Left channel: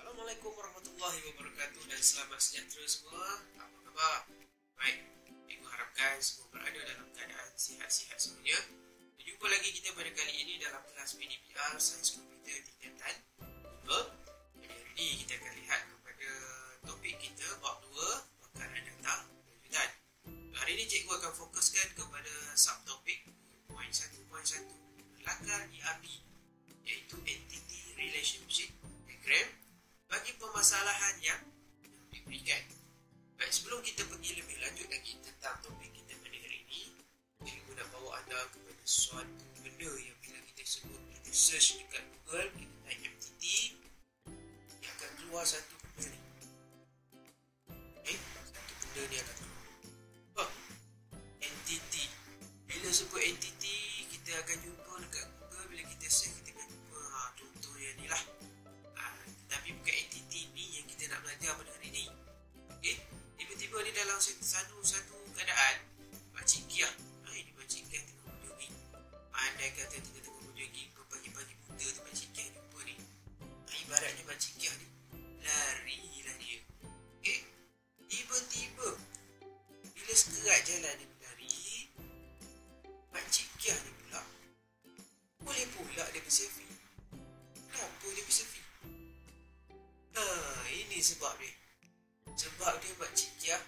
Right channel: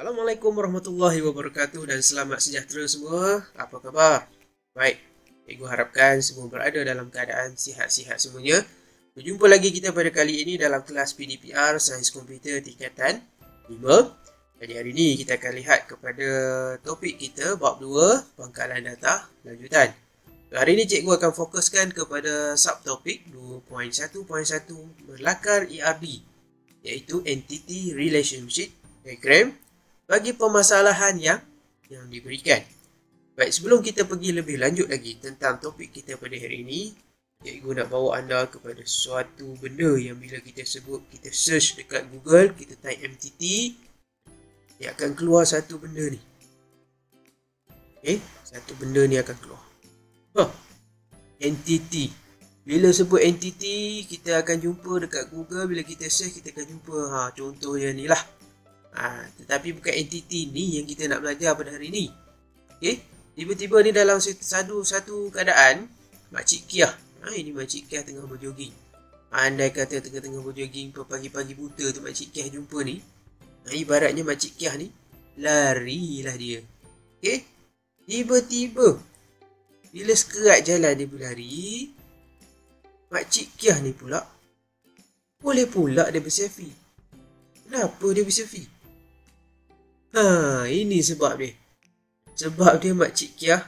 Assalamualaikum warahmatullahi wabarakatuh dan selamat sejahtera semua. Apa khabar? Baik, cikgu harapkan semua berada dalam keadaan sihat-sihat semuanya. Berjumpa lagi kita pada kali ini dalam kelas PDPR Sains Komputer tingkatan 5. Jadi hari ini kita akan lihat kepada topik kita bab 2, pangkalan data lanjutan. Hari ini cikgu akan fokuskan kepada subtopik 2.1.1 berlakar ERD, iaitu Entity Relationship Diagram bagi permasalahan yang diberikan. Baik, sebelum kita pergi lebih lanjut lagi tentang topik kita pada hari ini, cikgu nak bawa anda kepada suatu benda yang bila kita sebut, kita search dekat Google, kita type MTT, dia akan keluar satu benda ni. Satu benda ni akan keluar. Entity. Bila sebut entity, kita akan jumpa dekat Google, bila kita search, kita akan jumpa contohnya ni lah. Tetapi bukan entity ni yang kita nak belajar pada hari ni. Tiba-tiba ni dalam satu keadaan, Makcik Kiah. Ini Makcik Kiah tengah berjoging. Andai kata tengah-tengah berjoging, pagi-pagi buta tu Makcik Kiah jumpa ni. Ibaratnya Makcik Kiah ni, larilah dia. Tiba-tiba, bila sekerat jalan dia berlari, Makcik Kiah ni pula, boleh pula dia berselfie. Kenapa dia berselfie? Ini sebab dia. Sebab dia Makcik Kiah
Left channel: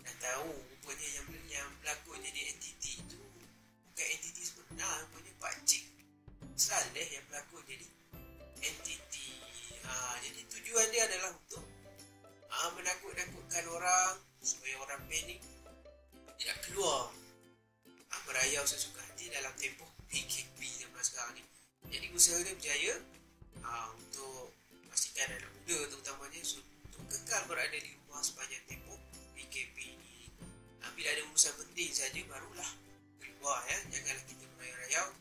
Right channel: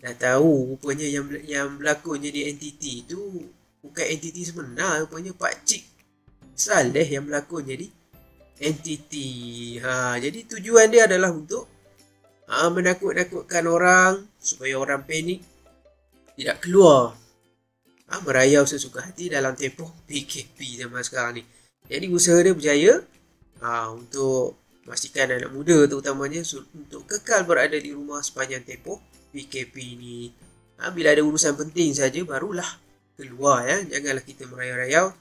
dah tahu rupanya yang berlakon jadi entiti tu bukan entiti sebenar, rupanya Pakcik Saleh yang berlakon jadi entiti. Jadi tujuan dia adalah untuk menakut-nakutkan orang supaya orang panik, tidak keluar, merayau sesuka hati dalam tempoh PKP zaman sekarang ni. Jadi usaha dia berjaya untuk memastikan anak muda terutamanya untuk kekal berada di rumah sepanjang tempoh PKP ni. Bila ada urusan penting saja barulah keluar, ya. Janganlah kita merayau-rayau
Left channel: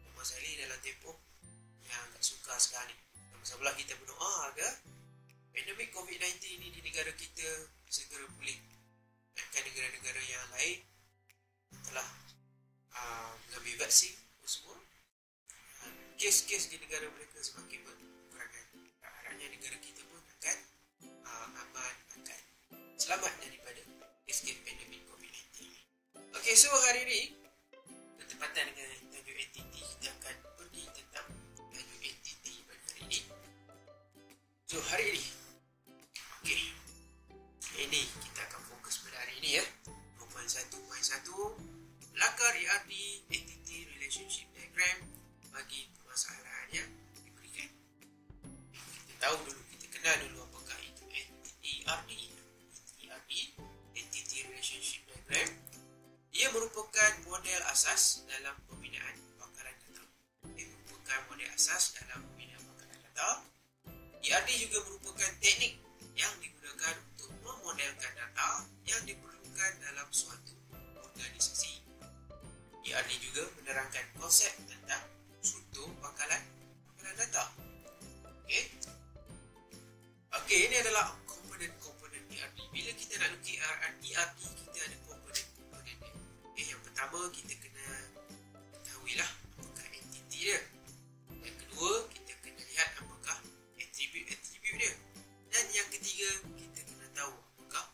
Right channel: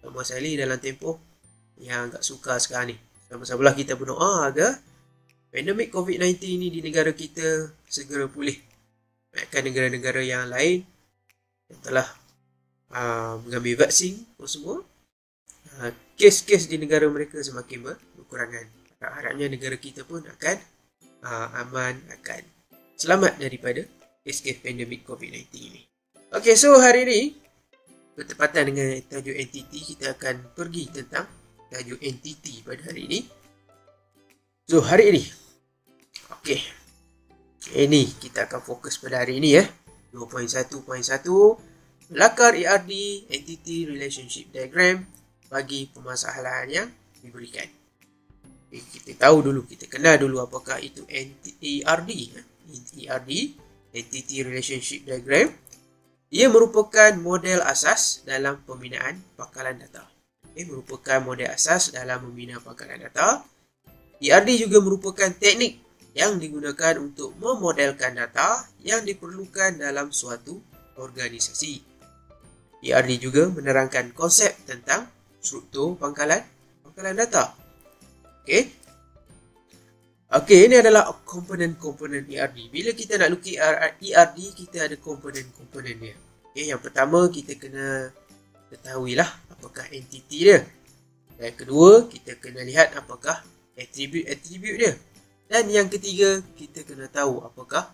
sama sekali dalam tempoh yang agak sukar sekarang ni. Sama-samalah kita berdoa agar pandemik COVID-19 ni di negara kita segera pulih. Bahkan negara-negara yang lain yang telah mengambil vaksin semua, kes-kes di negara mereka semakin berkurangan. Harapnya negara kita pun akan aman, akan selamat daripada kes-kes pandemik COVID-19 ni. Okey, so hari ini bertepatan dengan tajuk entity, kita akan pergi tentang tajuk entity pada hari ini. So hari ini, ini kita akan fokus pada hari ini, 2.1.1 lakar ERD Entity Relationship Diagram bagi permasalahan yang diberikan. Kita tahu dulu, kita kenal dulu apakah itu ERD. ERD, Entity Relationship Diagram. Ia merupakan model asas dalam pembinaan pangkalan data. Merupakan model asas dalam membina pangkalan data. ERD juga merupakan teknik yang digunakan untuk memodelkan data yang diperlukan dalam suatu organisasi. ERD juga menerangkan konsep tentang struktur pangkalan data. Ini adalah komponen-komponen ERD. Bila kita nak lukis ERD, kita ada komponen-komponen dia. Yang pertama, kita kena ketahuilah apakah entiti dia. Dan kedua, kita kena lihat apakah atribut dia. Dan yang ketiga, kita kena tahu apakah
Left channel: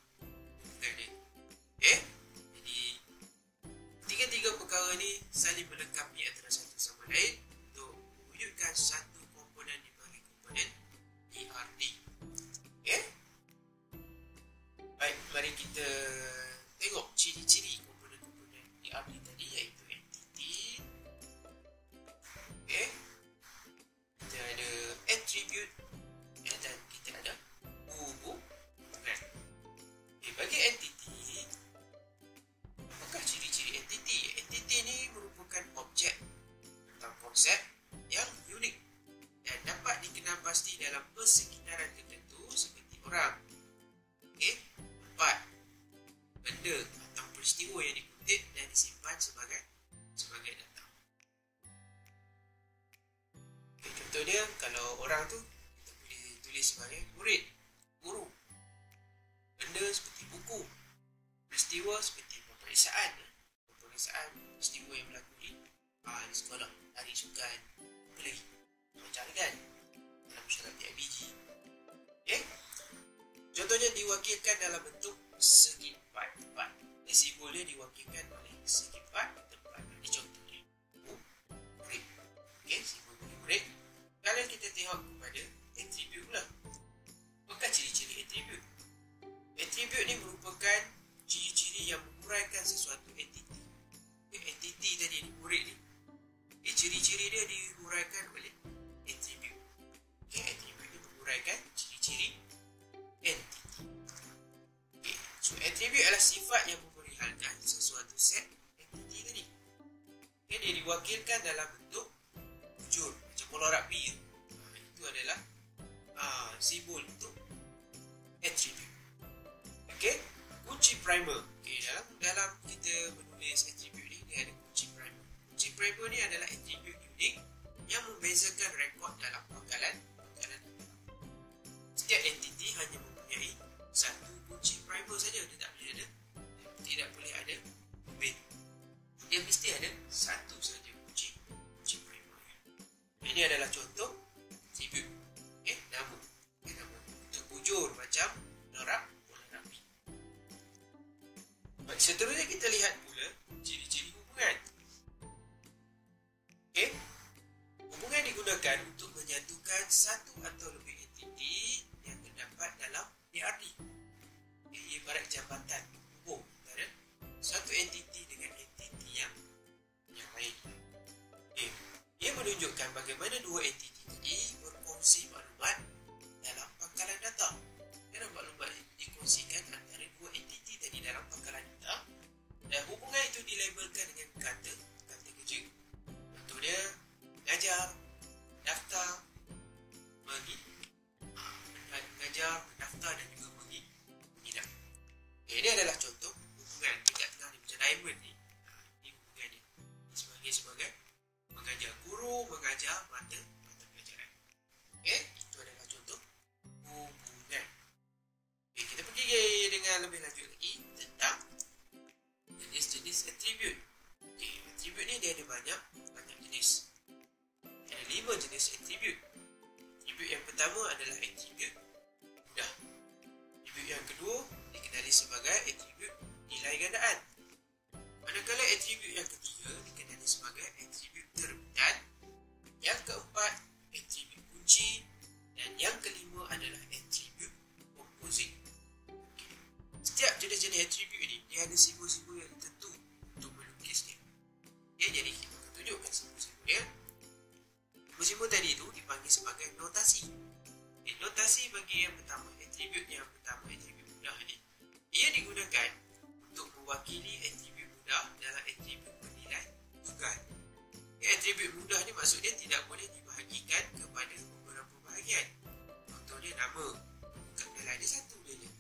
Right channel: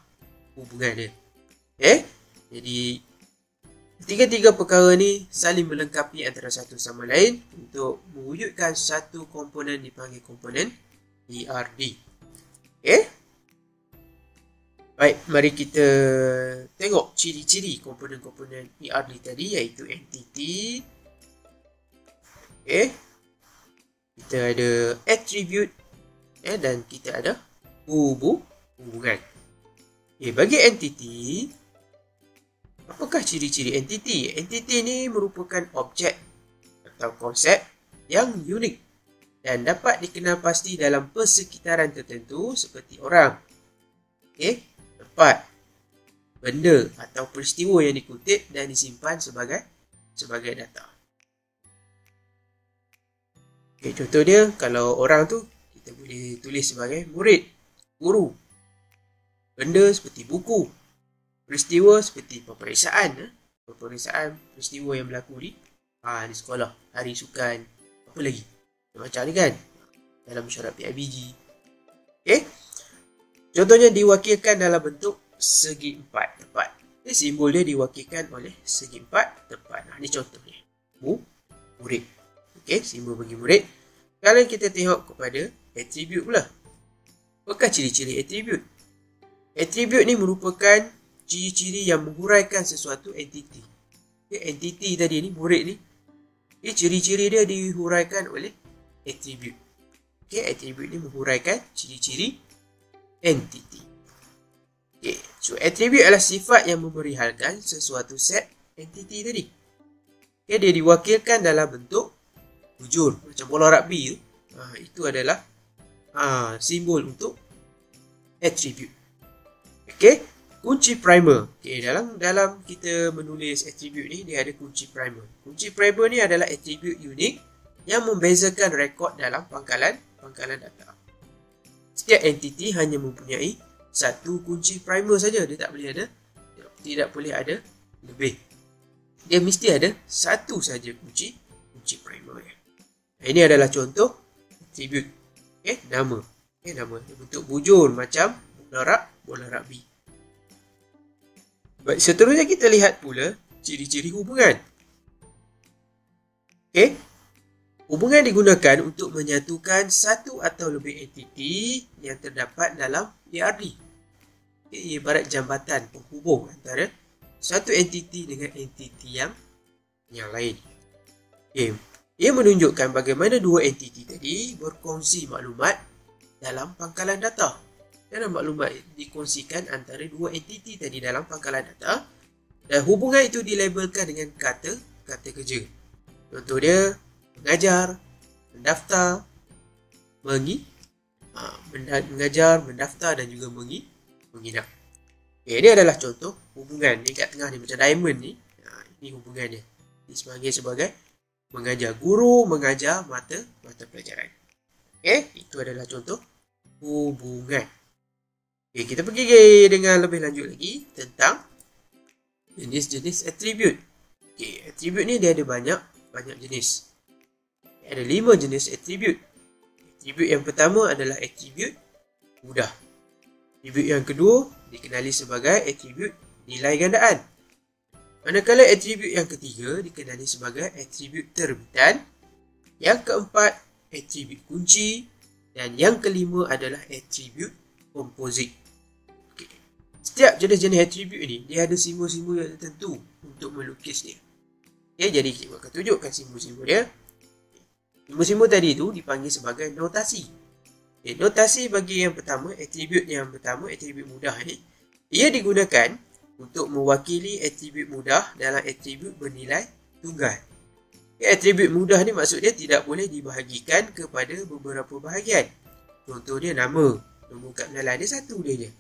hubungan dia. Jadi tiga-tiga perkara ni saling melengkapi antara satu sama lain untuk mewujudkan satu komponen dipanggil komponen ERD. Baik, mari kita tengok ciri-ciri komponen-komponen ERD tadi, iaitu entity. Kita ada attribute, dan kita ada hubungan. Bagi entity, apakah ciri-ciri entity? Entity ni merupakan objek atau konsep yang unik dan dapat dikenal pasti dalam persekitaran tertentu seperti orang, tempat, benda atau peristiwa yang dikutip dan disimpan sebagai data. Contoh dia, kalau orang tu kita boleh tulis sebagai murid, guru, benda seperti buku, peristiwa seperti peperiksaan peristiwa yang berlaku di sekolah, hari sukan, apa lagi macam ni kan, dalam mesyuarat PIBG. Contohnya diwakilkan dalam bentuk segi empat tepat. Simbol dia diwakilkan oleh segi empat tepat. Ini contohnya. Murid. Okey, simbol bagi murid. Kalau kita tengok kepada atribut pula. Apakah ciri-ciri atribut? Atribut ni merupakan ciri-ciri yang menghuraikan sesuatu entiti. Entiti tadi ni, murid ni, ciri-ciri dia dihuraikan oleh atribut. Atribut ni menghuraikan ciri-ciri entiti. So atribut adalah sifat yang memerihalkan sesuatu set entiti tadi. Dia diwakilkan dalam bentuk bujur, macam bola rugby tu. Itu adalah simbol untuk atribut. Kunci primer. Dalam kita menulis atribut ni, dia ada kunci primer. Kunci primer ni adalah atribut unik yang membezakan rekod dalam pangkalan data. Setiap entiti hanya mempunyai satu kunci primer saja. Dia tidak boleh ada lebih. Dia mesti ada satu saja kunci primer. Ini adalah contoh atribut. Nama. Nama bentuk bujur macam bola rugby. Baik, seterusnya kita lihat pula ciri-ciri hubungan. Hubungan digunakan untuk menyatukan satu atau lebih entiti yang terdapat dalam ERD. Ibarat jambatan penghubung antara satu entiti dengan entiti yang lain. Ia menunjukkan bagaimana dua entiti tadi berkongsi maklumat dalam pangkalan data. Dan maklumat dikongsikan antara dua entiti tadi dalam pangkalan data. Dan hubungan itu dilabelkan dengan kata kerja. Contoh dia mengajar, mendaftar, mengajar, mendaftar dan juga menginap. Ini adalah contoh hubungan. Ni kat tengah ni macam diamond ni. Ini hubungannya. Ini sebagai mengajar. Guru mengajar mata pelajaran. Itu adalah contoh hubungan. Kita pergi dengan lebih lanjut lagi tentang jenis-jenis atribut. Atribut ni dia ada banyak jenis. Ada 5 jenis atribut. Atribut yang pertama adalah atribut mudah. Atribut yang kedua dikenali sebagai atribut nilai gandaan. Manakala atribut yang ketiga dikenali sebagai atribut terbitan. Yang keempat atribut kunci. Dan yang kelima adalah atribut komposit. Setiap jenis-jenis atribut ni dia ada simbol-simbol yang tertentu untuk melukis dia. Jadi kita akan tunjukkan simbol-simbol dia. Simbol-simbol tadi tu dipanggil sebagai notasi. Notasi bagi yang pertama, atribut mudah ni, ia digunakan untuk mewakili atribut mudah dalam atribut bernilai tunggal. Atribut mudah ni maksud dia tidak boleh dibahagikan kepada beberapa bahagian. Contoh dia nama. Nombor kad pengenalan dia satu dia je.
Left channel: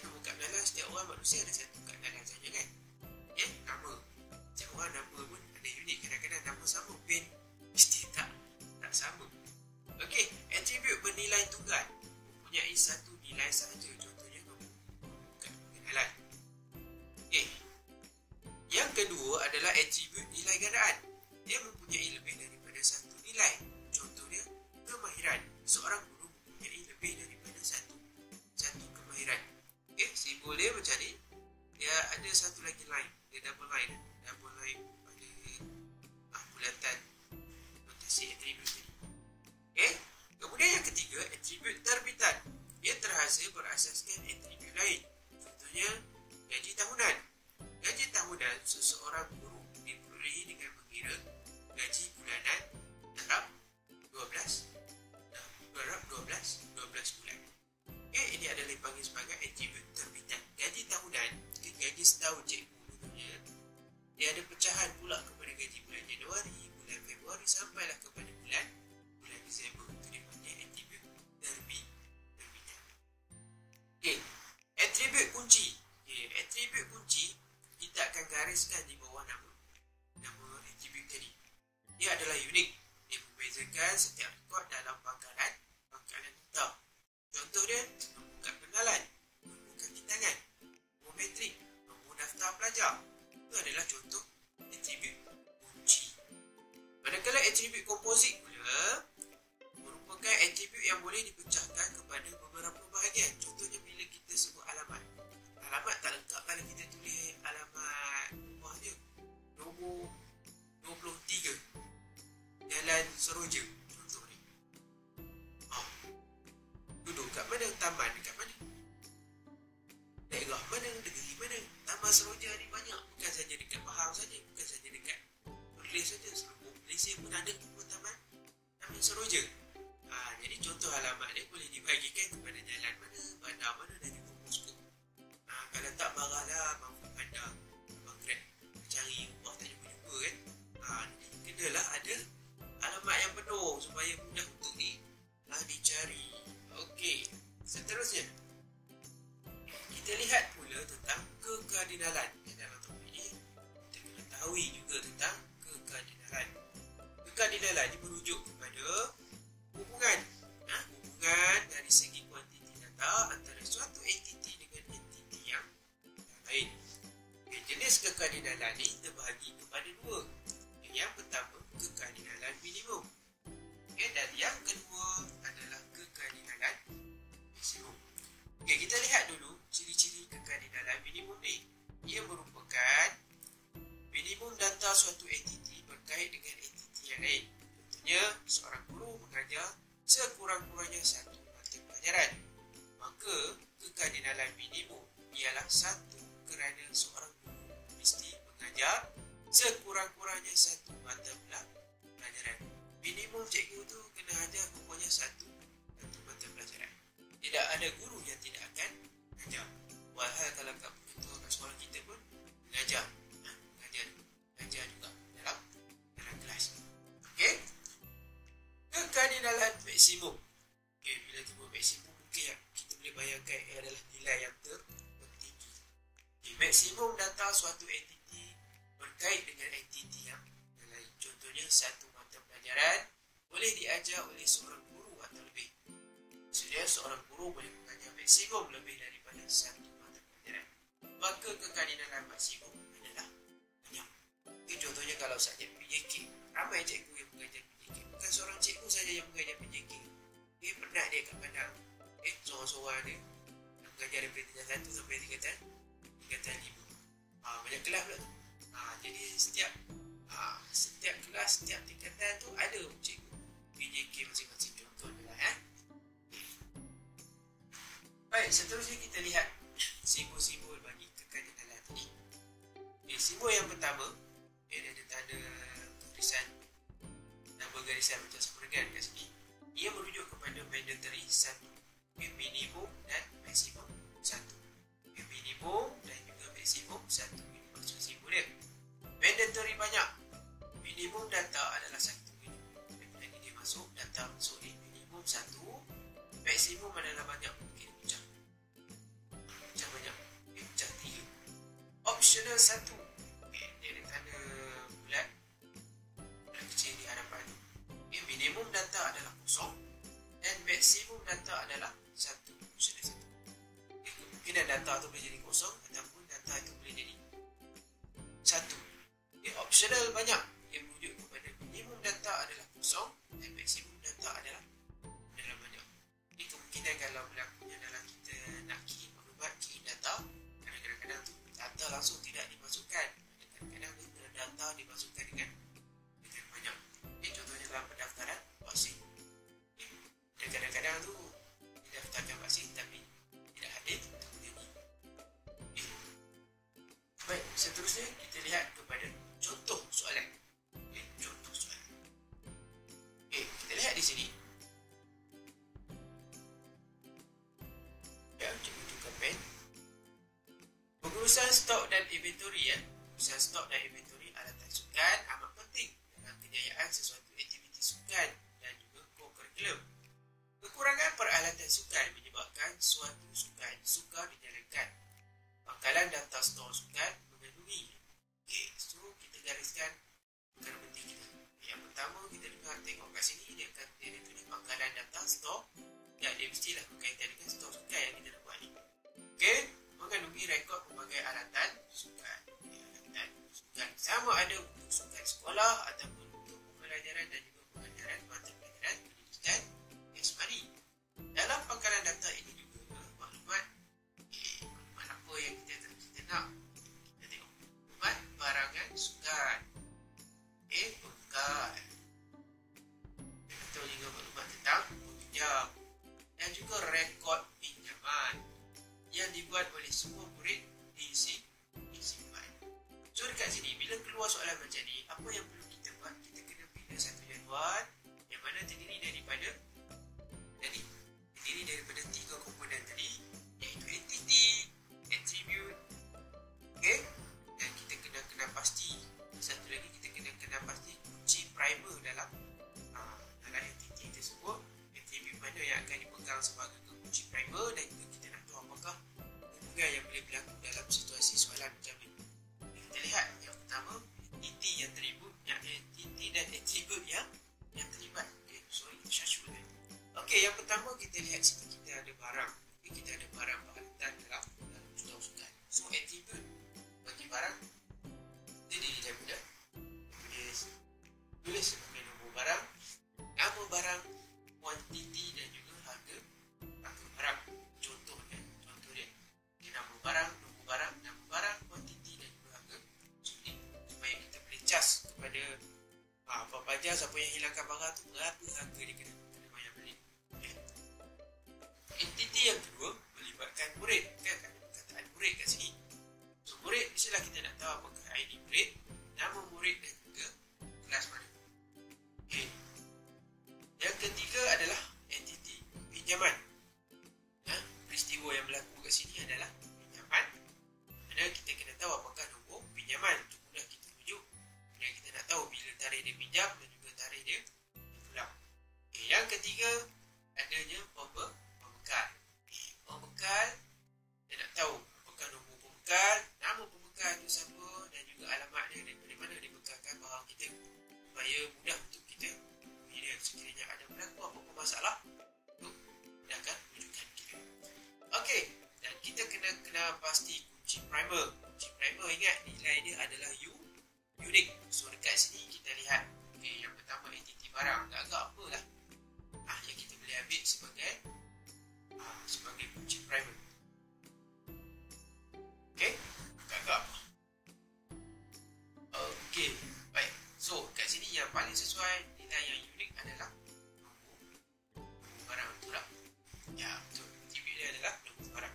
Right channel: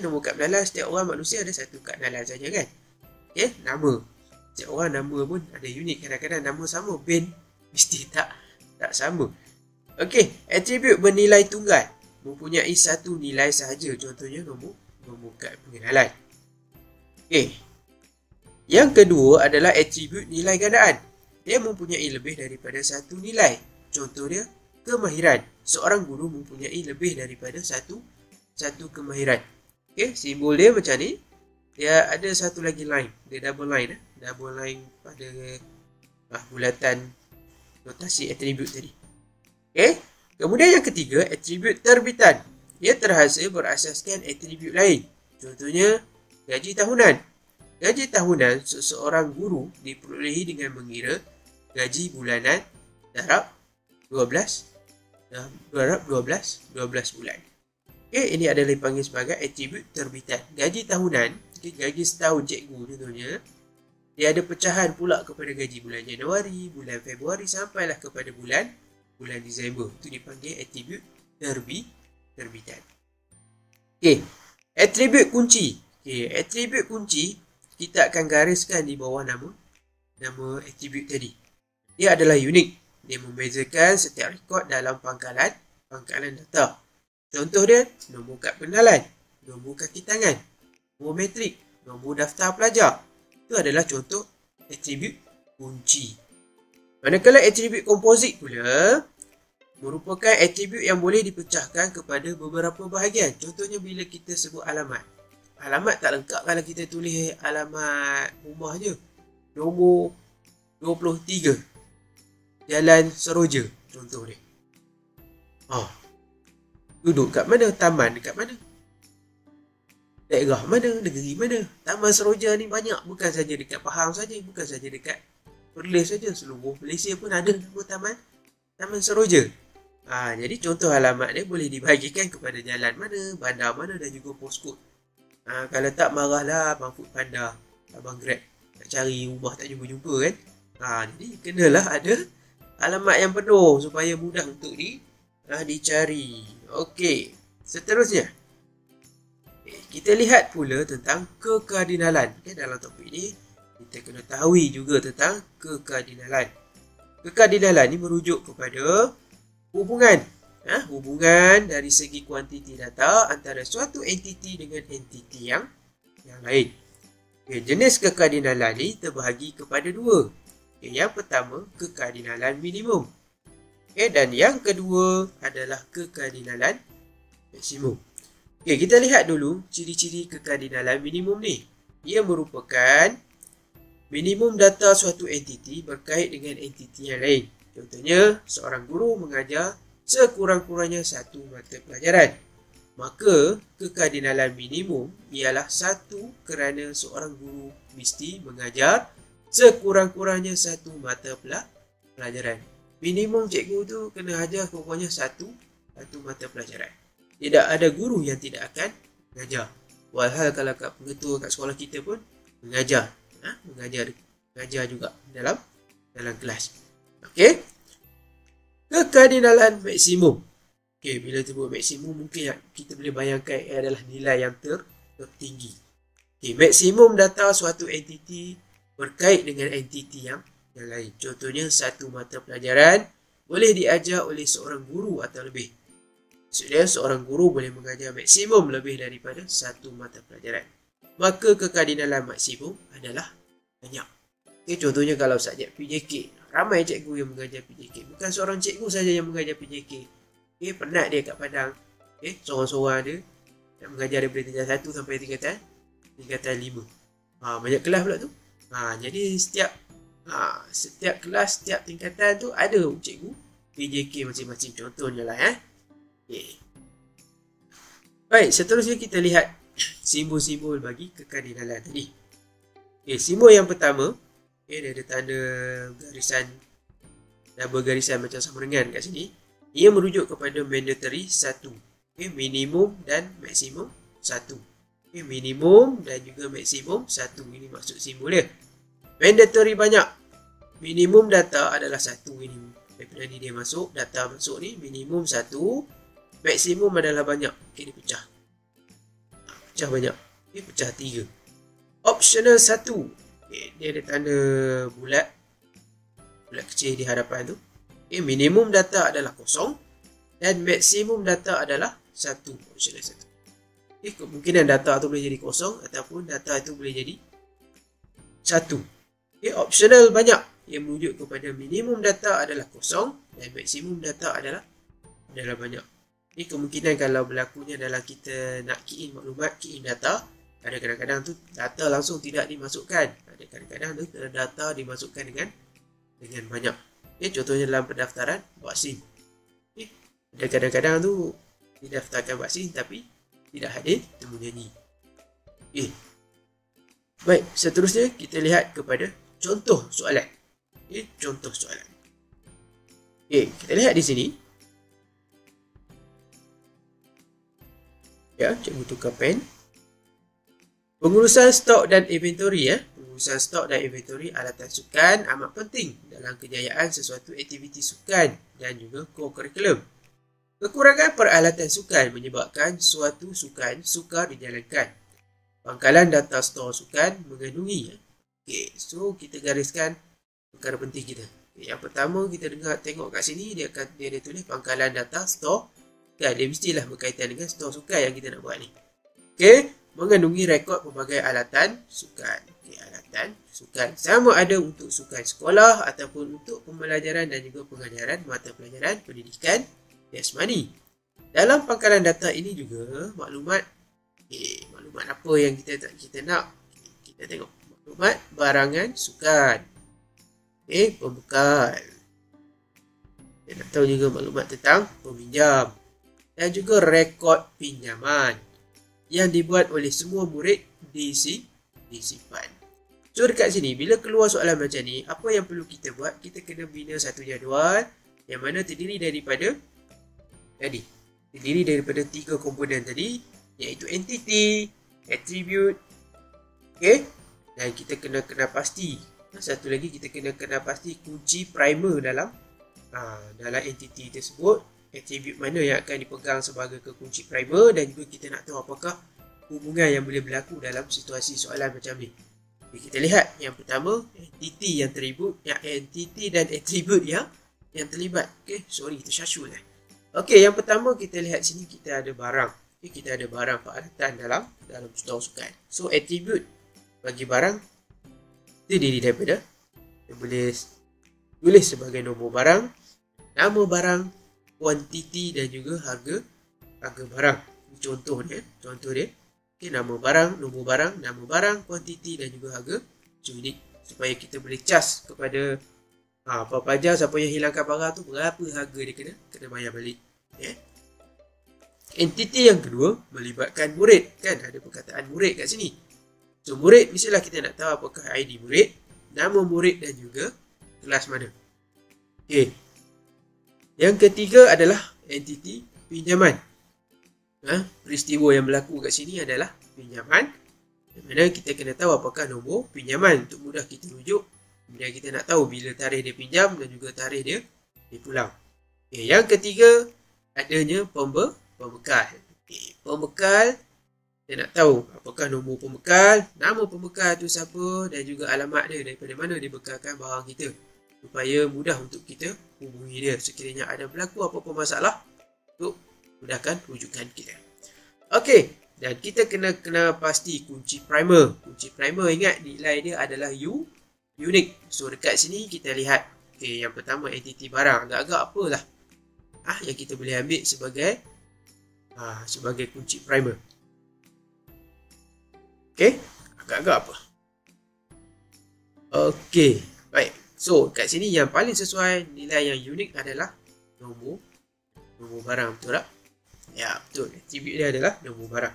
Nombor kad pengenalan setiap orang manusia ada satu kad pengenalan saja kan. Nama. Setiap orang nama pun ada unik. Kadang-kadang nama sama, bin mesti tak sama. Atribut bernilai tunggal mempunyai satu nilai sahaja. Contohnya nombor kad pengenalan. Yang kedua adalah atribut nilai gandaan. Dia mempunyai lebih daripada satu nilai. Contoh dia kemahiran. Seorang guru mempunyai lebih daripada satu kemahiran. Simbol dia macam ni. Dia ada satu lagi line. Dia double line. Double line pada bulatan notasi atribut tadi. Kemudian yang ketiga, atribut terbitan. Ia terhasil berasaskan atribut lain. Contohnya gaji tahunan. Gaji tahunan seseorang guru diperolehi dengan mengira gaji bulanan darab 12 bulan. Ini adalah dipanggil sebagai atribut terbitan. Gaji tahunan, gaji setahun cikgu contohnya, dia ada pecahan pula kepada gaji bulan Januari, bulan Februari sampailah kepada bulan Disember. Itu dipanggil atribut terbitan. Atribut kunci. Atribut kunci kita akan gariskan di bawah nama atribut tadi. Dia adalah unik. Dia membezakan setiap rekod dalam pangkalan data. Contoh dia, nombor kad pengenalan, nombor kaki tangan, nombor metrik, nombor daftar pelajar. Itu adalah contoh atribut kunci. Manakala atribut komposit pula, merupakan atribut yang boleh dipecahkan kepada beberapa bahagian. Contohnya bila kita sebut alamat. Alamat tak lengkap kalau kita tulis alamat rumah je. Nombor 23. Jalan Seroja. Contoh dia. Duduk kat mana? Taman dekat mana? Daerah mana? Negeri mana? Taman Seroja ni banyak. Bukan saja dekat Pahang saja. Bukan saja dekat Perlis saja. Seluruh Malaysia pun ada nama Taman Seroja. Jadi contoh alamat dia boleh dibahagikan kepada jalan mana, bandar mana dan juga postcode. Kalau tak marahlah Abang Food Panda, Abang Grab nak cari rumah tak jumpa-jumpa kan. Jadi kenalah ada alamat yang penuh supaya mudah untuk dicari. Okey, seterusnya kita lihat pula tentang kekardinalan. Dalam topik ni kita kena tahu juga tentang kekardinalan. Kekardinalan ni merujuk kepada hubungan dari segi kuantiti data antara suatu entiti dengan entiti yang lain. Jenis kekardinalan ni terbahagi kepada dua. Yang pertama, kekardinalan minimum. Dan yang kedua adalah kekardinalan maksimum. Kita lihat dulu ciri-ciri kekardinalan minimum ni. Ia merupakan minimum data suatu entiti berkait dengan entiti yang lain. Contohnya, seorang guru mengajar sekurang-kurangnya satu mata pelajaran. Maka, kekardinalan minimum ialah satu kerana seorang guru mesti mengajar sekurang-kurangnya satu mata pelajaran. Minimum cikgu tu kena ajar kurang-kurangnya satu mata pelajaran. Tidak ada guru yang tidak akan mengajar. Walhal kalau kat pengetua kat sekolah kita pun mengajar juga dalam kelas. Okey. Kekardinalan maksimum. Bila sebut maksimum mungkin kita boleh bayangkan adalah nilai yang tertinggi. Maksimum data suatu entiti berkait dengan entiti yang lain. Contohnya satu mata pelajaran boleh diajar oleh seorang guru atau lebih. Maksudnya seorang guru boleh mengajar maksimum lebih daripada satu mata pelajaran. Maka kekardinalan maksimum adalah banyak. Contohnya kalau subjek PJK. Ramai cikgu yang mengajar PJK. Bukan seorang cikgu saja yang mengajar PJK. Penat dia kat Padang. Seorang-seorang dia nak mengajar daripada tingkatan 1 sampai tingkatan 5. Banyak kelas pula tu. Jadi setiap kelas, setiap tingkatan tu ada cikgu PJK masing-masing. Contohnya lah. Baik, seterusnya kita lihat simbol-simbol bagi kekardinalan tadi. Simbol yang pertama, dia ada tanda garisan double garisan macam sama dengan kat sini. Ia merujuk kepada mandatory 1. Minimum dan maksimum 1. Minimum dan juga maksimum 1. Ini maksud simbol dia. Mandatory banyak. Minimum data adalah 1 minimum. Daripada ni dia masuk, data masuk ni minimum 1. Maksimum adalah banyak. Dia pecah. Pecah banyak. Pecah 3. Optional 1. Dia ada tanda bulat kecil di hadapan tu. Minimum data adalah kosong dan maksimum data adalah 1. Optional 1. Kemungkinan data tu boleh jadi kosong ataupun data itu boleh jadi 1. Optional banyak yang merujuk kepada minimum data adalah kosong dan maksimum data adalah banyak. Kemungkinan kalau berlakunya dalam kita nak key in maklumat, key in data, ada kadang-kadang tu data langsung tidak dimasukkan. Ada kadang-kadang tu data dimasukkan dengan banyak. Contohnya dalam pendaftaran vaksin. Ada kadang-kadang tu didaftarkan vaksin tapi tidak hadir temu nyanyi. Baik, seterusnya kita lihat kepada contoh soalan. Contoh soalan. Kita lihat di sini. Cikgu tukar pen. Pengurusan stok dan inventory. Pengurusan stok dan inventory alatan sukan amat penting dalam kejayaan sesuatu aktiviti sukan dan juga co-curriculum. Kekurangan peralatan sukan menyebabkan suatu sukan sukar dijalankan. Pangkalan data stor sukan mengandungi. So kita gariskan perkara penting kita. Yang pertama kita tengok kat sini dia ada tulis pangkalan data stor. Dia mestilah berkaitan dengan stor sukan yang kita nak buat ni. Mengandungi rekod pelbagai alatan sukan. Alatan kegiatan sukan. Sama ada untuk sukan sekolah ataupun untuk pembelajaran dan juga pengajaran mata pelajaran pendidikan jasmani. Dalam pangkalan data ini juga maklumat apa yang kita nak. Kita tengok maklumat barangan sukan. Pembekal. Kita nak tahu juga maklumat tentang peminjam dan juga rekod pinjaman yang dibuat oleh semua murid disimpan. So dekat sini bila keluar soalan macam ni, apa yang perlu kita buat? Kita kena bina satu jadual yang mana terdiri daripada 3 komponen tadi, iaitu entity, attribute, dan kita kena pasti. Satu lagi kita kena pasti kunci primer dalam entity tersebut, attribute mana yang akan dipegang sebagai kunci primer, dan juga kita nak tahu apakah hubungan yang boleh berlaku dalam situasi soalan macam ni. Kita lihat yang pertama, entity dan attribute yang terlibat. Tersyashul. Yang pertama kita lihat sini kita ada barang. Kita ada barang peralatan dalam contoh sukan. So attribute bagi barang terdiri daripada, kita boleh tulis sebagai nombor barang, nama barang, kuantiti dan juga harga barang. Contoh dia. Nama barang, nombor barang, nama barang, kuantiti dan juga harga unit, supaya kita boleh cas kepada pelajar siapa yang hilangkan barang tu berapa harga dia kena bayar balik. Entiti yang kedua melibatkan murid, ada perkataan murid kat sini. So murid mestilah kita nak tahu apakah ID murid, nama murid dan juga kelas mana. Yang ketiga adalah entiti pinjaman. Peristiwa yang berlaku kat sini adalah pinjaman, di mana kita kena tahu apakah nombor pinjaman untuk mudah kita rujuk. Kemudian kita nak tahu bila tarikh dia pinjam dan juga tarikh dia pulang. Yang ketiga adanya pembekal. Pembekal, kita nak tahu apakah nombor pembekal, nama pembekal tu siapa dan juga alamat dia, daripada mana dia bekalkan barang kita, supaya mudah untuk kita hubungi dia sekiranya ada berlaku apa-apa masalah untuk mudahkan rujukan kita. Dan kita kena pasti kunci primer. Kunci primer, ingat nilai dia adalah unique. So dekat sini kita lihat, yang pertama entiti barang, agak-agak apalah yang kita boleh ambil sebagai kunci primer. Agak-agak apa? Baik. So kat sini yang paling sesuai nilai yang unik adalah nombor barang, betul tak? Ya, betul. Attribute dia adalah nombor barang.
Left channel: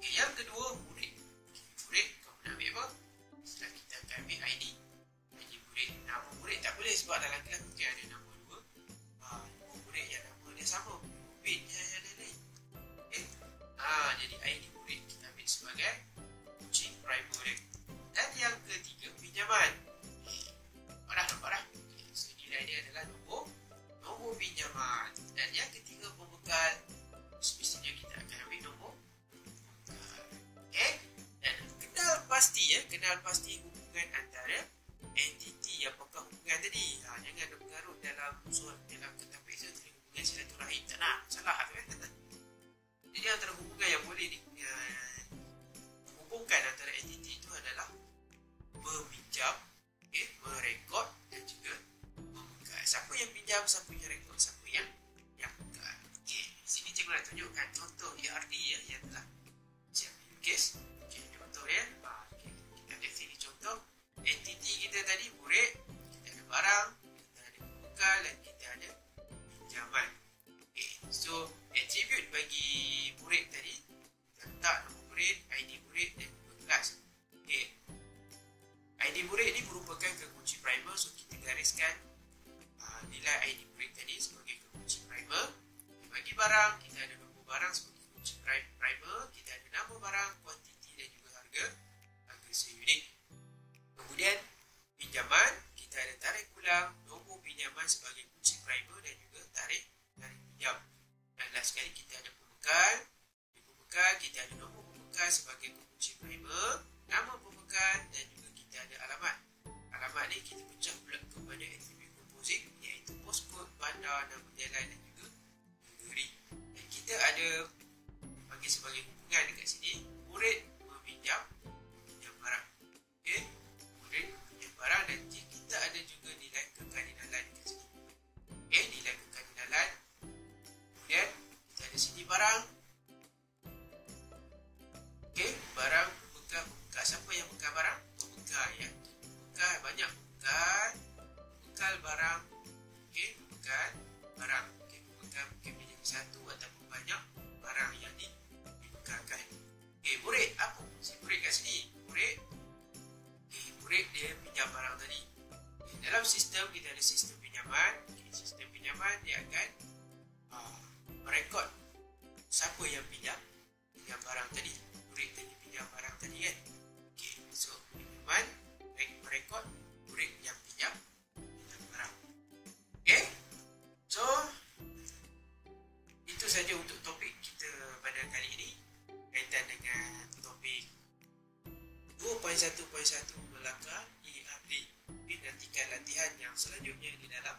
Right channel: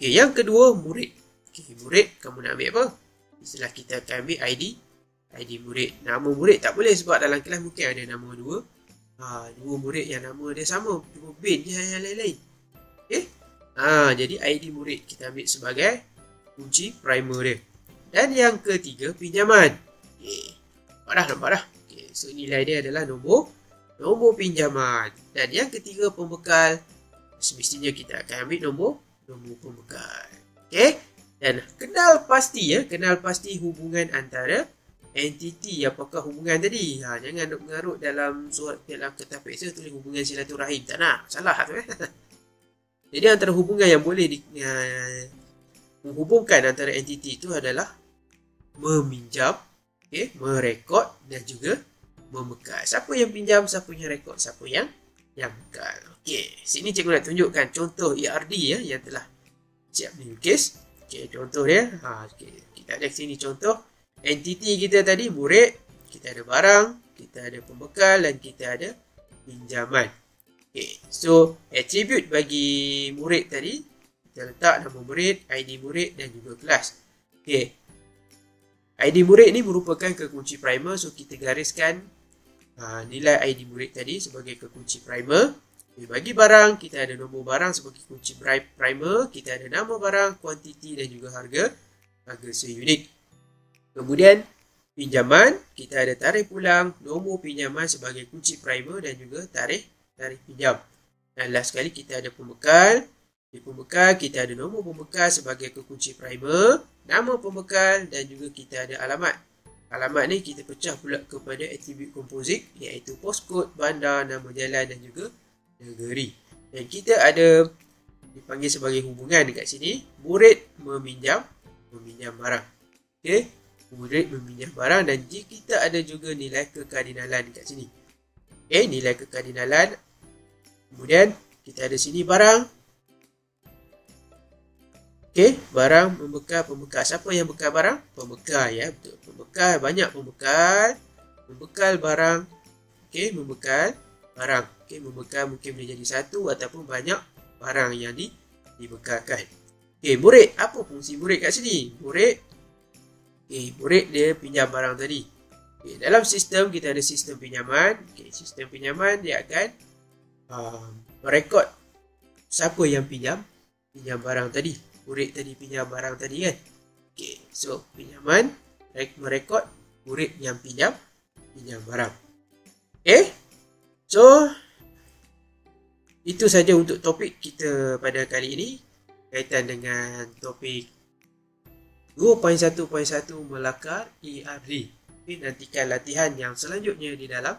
Yang kedua, murid. Murid, kamu nak ambil apa? Istilah kita akan ambil ID murid. Nama murid tak boleh sebab dalam kelas mungkin ada nama dua murid yang nama dia sama, cuma bin je yang lain-lain. Jadi ID murid kita ambil sebagai kunci primer dia. Dan yang ketiga, pinjaman. Nampak dah. So nilai dia adalah nombor pinjaman. Dan yang ketiga, pembekal. Semestinya kita akan ambil nombor pembekal. Dan kenal pasti hubungan antara entiti. Apakah hubungan tadi? Jangan mengarut dalam kertas peksa tulis hubungan silaturahim. Tak nak, salah tu. Jadi antara hubungan yang boleh menghubungkan antara entiti itu adalah meminjam, merekod dan juga membekal. Siapa yang pinjam, siapa yang rekod, siapa yang bekal. Sini cikgu nak tunjukkan contoh ERD yang telah siap dilukis. Contoh dia. Kita ada sini contoh entiti kita tadi, murid, kita ada barang, kita ada pembekal dan kita ada pinjaman. So attribute bagi murid tadi, kita letak nama murid, ID murid dan juga kelas. ID murid ni merupakan kekunci primer, so kita gariskan nilai ID murid tadi sebagai kekunci primer. Bagi barang, kita ada nombor barang sebagai kunci primer, kita ada nama barang, kuantiti dan juga harga seunit. Kemudian pinjaman, kita ada tarikh pulang, nombor pinjaman sebagai kunci primer dan juga tarikh pinjam. Dan last sekali kita ada pembekal. Di pembekal kita ada nombor pembekal sebagai kekunci primer, nama pembekal dan juga kita ada alamat. Alamat ni kita pecah pula kepada atribut komposit, iaitu postcode, bandar, nama jalan dan juga negeri. Dan kita ada dipanggil sebagai hubungan dekat sini, murid meminjam barang. murid meminjam barang, dan kita ada juga nilai kekardinalan kat sini. Okay, nilai kekardinalan. Kemudian kita ada sini barang. Okay, barang, pembekal. Siapa yang bekal barang? Pembekal, ya, betul. Pembekal, banyak pembekal. Membekal barang. Okay, membekal barang. Okay, membekal mungkin boleh jadi satu ataupun banyak barang yang dibekalkan. Okay, murid. Apa fungsi murid kat sini? Murid dia pinjam barang tadi. Okay, dalam sistem kita ada sistem pinjaman. Okay, sistem pinjaman dia akan merekod siapa yang pinjam barang tadi. Murid tadi pinjam barang tadi kan. Okay, so pinjaman merekod murid yang pinjam barang. Okay, so itu saja untuk topik kita pada kali ini kaitan dengan topik 2.1.1 melakar ERD. Okay, nantikan latihan yang selanjutnya di dalam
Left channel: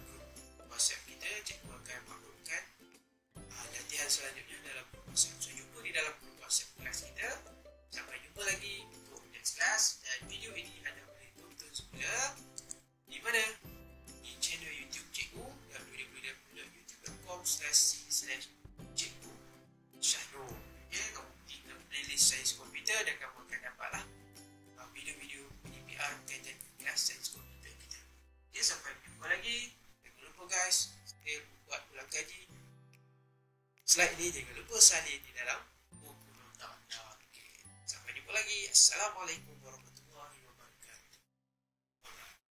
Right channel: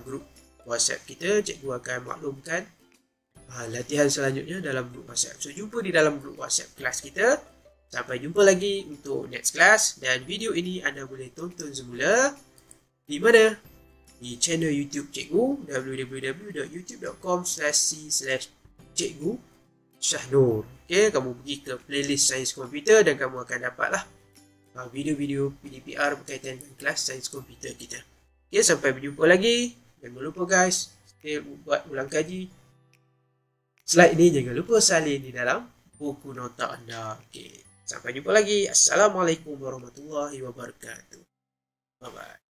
grup WhatsApp kita. Cikgu akan maklumkan latihan selanjutnya dalam grup WhatsApp. So, jumpa di dalam grup WhatsApp kelas kita. Sampai jumpa lagi untuk next class. Dan video ini anda boleh tonton semula di mana? Di channel YouTube Cikgu, www.youtube.com/c/Cikgu Syahnur. Okay, kamu pergi ke playlist Sains Komputer dan kamu akan dapatlah video-video PDPR berkaitan dengan kelas Sains Komputer kita. Okay, sampai berjumpa lagi. Jangan lupa guys, buat ulang kaji. Slide ni jangan lupa salin di dalam buku nota anda. Okay, sampai jumpa lagi. Assalamualaikum warahmatullahi wabarakatuh. Bye-bye.